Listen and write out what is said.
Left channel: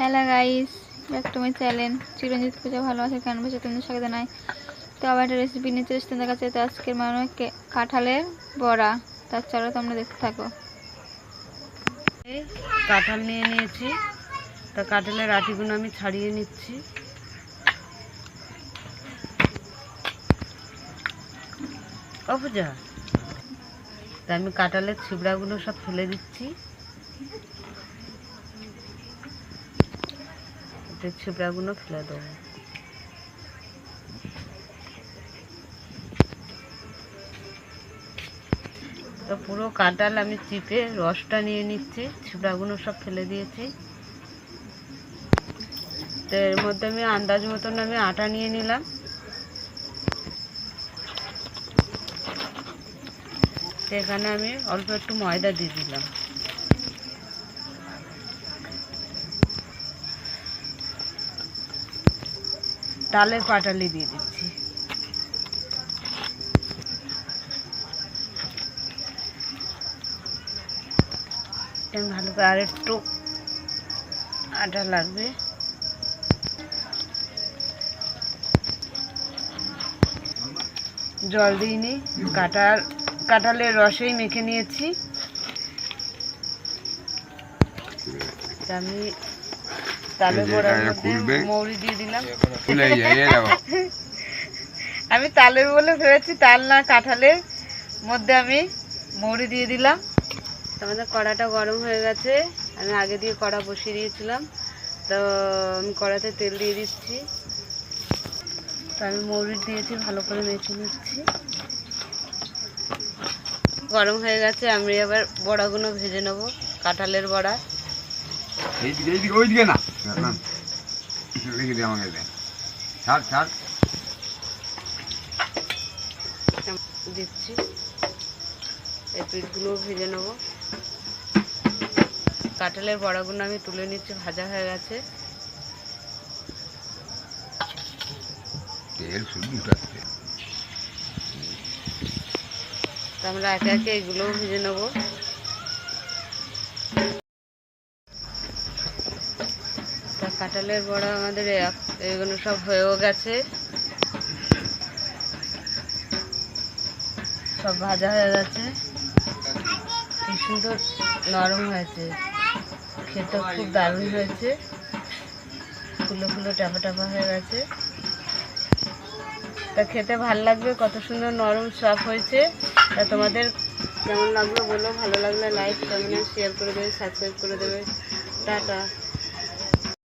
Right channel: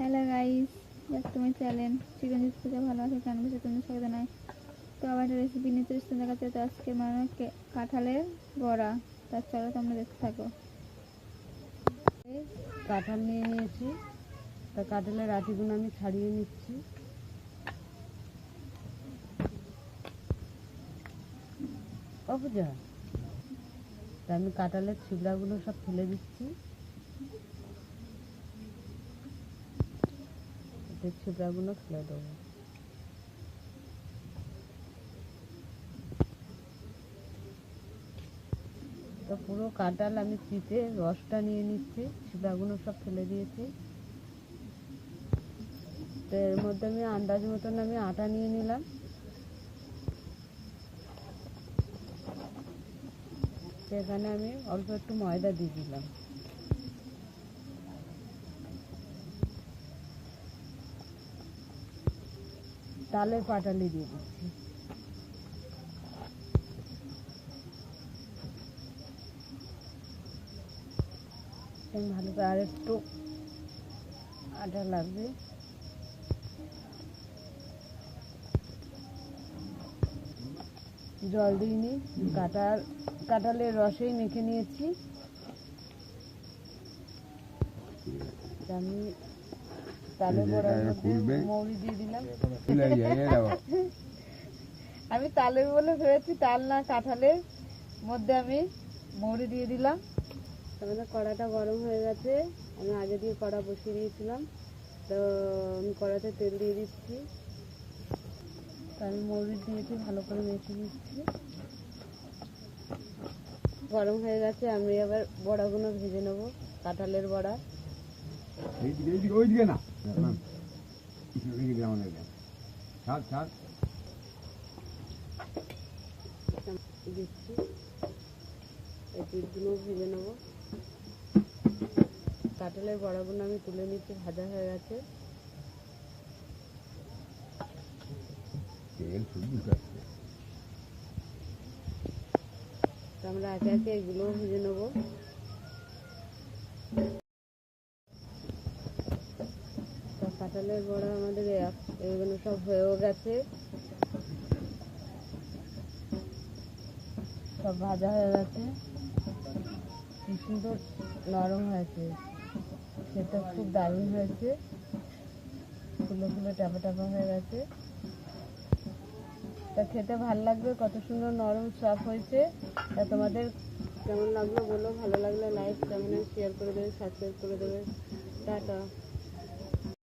Hello guys, back to my channel Chiranjit Puja ভালো আছে কেন বসে তোমাদের স্বাগত জানাই। তো আবার একটা রেসিপি নিয়ে চলে এসেছি তোমাদের কাছে। তো আজকের মানে কাঁঠালের বড়া, তার চলো তোমরা দেখতে থাকো। কাঁঠাল নিয়ে নিয়েছি, তা কাঁঠালের আটিগুলো আমি ছাড়িয়ে নিচ্ছি। ও পূজা, তা আমি কাঁঠালের ছিবড়াগুলো সব ফেলে দিচ্ছি। ছিবড়াগুলো ফেলে দেবো। তো পুরো কাঁঠাল আমি চিপে রসটা নিয়ে নিচ্ছি, ছিবড়াগুলো সব ফেলে দিয়েছি। তো এর মধ্যে আমি আন্দাজ মতন আমি আটা নিয়ে নিলাম। সেখানে আমি অল্প একটু ময়দা দিয়ে দিলাম। তালের পাটালি দিয়ে দিচ্ছি। ভালো করে আর একটু আটা লাগবে। জল দিইনি, কাঁঠালের রসেই মেখে নিয়েছি। আমি তালের বড়ার মধ্যে মৌরি দিয়ে দিলাম। আমি তালের বলে ভেবেছি, তাল না, কাঁঠালের মধ্যে আমি মৌরি দিয়ে দিলাম। আমাদের কড়াটা গরম হয়ে গেছে, আমি আগে দিয়ে কড়া বসিয়ে দিয়েছিলাম। তো আমি কড়াতে তেল দিয়ে দিচ্ছি। তো আমি মৌরি দিয়েছি, ভালো করে মেখে নিচ্ছি। গরম হয়ে গেছে, আমি এবার বড়াগুলো ভেজে নেবো, কাঁঠালের বড়া। দিচ্ছি, এই পিঠগুলো ভেজে নেবো। কাঁঠালের বড়াগুলো আমি তুলে নিচ্ছি, ভাজা হয়ে গেছে। আমরা একে একে এগুলোও ভেজে নেবো। তা কাঁঠালের বড়া আমাদের এগুলো সব হয়েও গেছে, সব ভাজা হয়ে গেছে। কি সুন্দর নরম হয়েছে, খেতে খুব দারুণ হয়েছে। ফুলো ফুলো টাপা টাপা হয়ে গেছে, তা খেতে ভাল লাগবে। কত সুন্দর নরম সফট হয়েছে। তা তোমাদের কেমন লাগলো বলো, ভালো লাগলে লাইক কমেন্ট শেয়ার করে দেবে, সাবস্ক্রাইব করে দেবে। টাটা।